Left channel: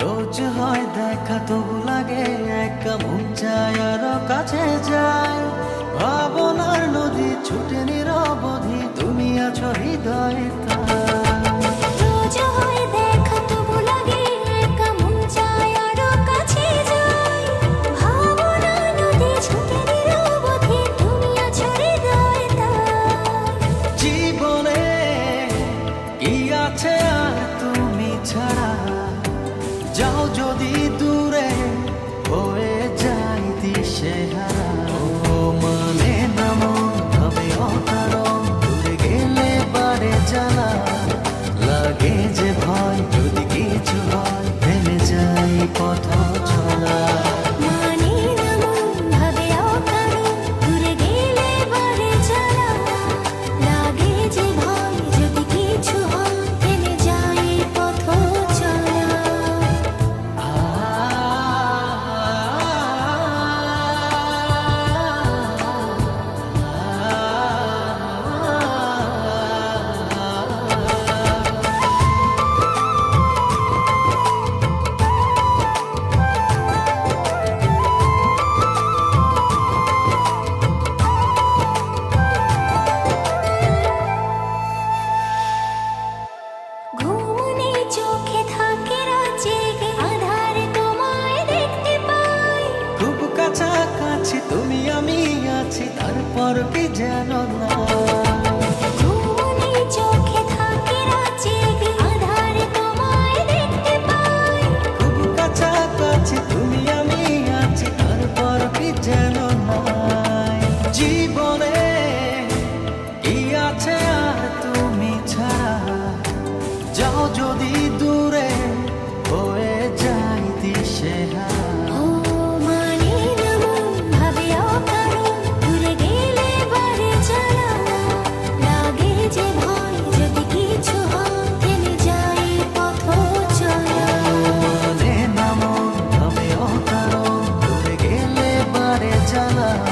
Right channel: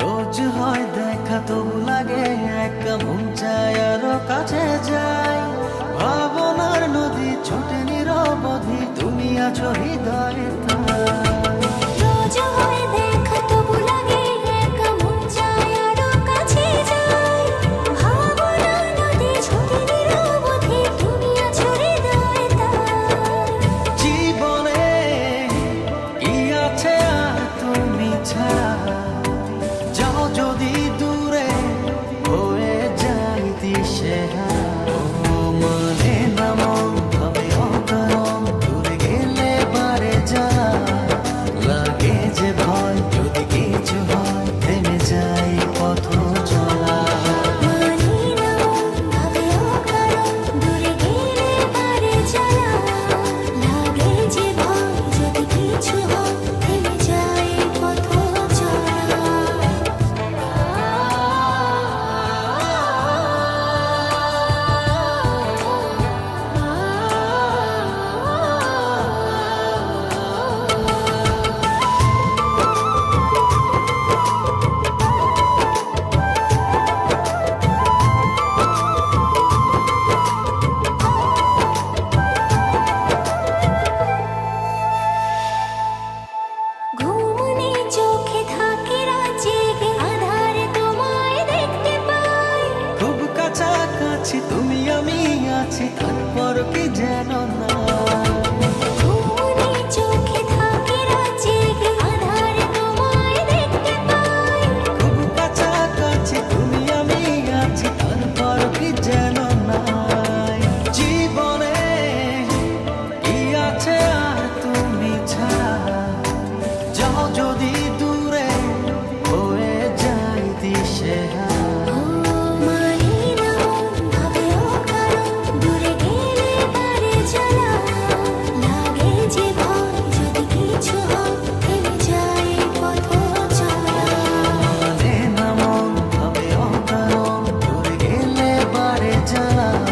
রোজ হয় দেখা তবু লাগে একা মন চায় আরও কাছে যাই। ভাবনার নদী ছুটে নিরবধি তুমি আছো হৃদয়ে তাই। রোজ হয় দেখা তবু লাগে একা মন চায় আরও কাছে যাই। নদী ছুটে নিরবধি তুমি আছো হৃদয়ে তাই। জীবনে কি আছে আর তুমি ছাড়া? যাও যদি দূরে হয়ে যাই দিশেহারা। ও মানে না মন ভাবে অকারণ, দূরে গেলে বারে জ্বালা। লাগে যে ভয়, যদি কিছু হয়, থেমে যাই পথ চলা। কাছাকাছি তুমি আমি আছি তারপর কি যেন না? তুমি আমি আছি তারপর কি যেন নাই জীবনে কি আছে আর তুমি ছাড়া? যাও যদি দূরে হয়ে যাই দিশেহারা।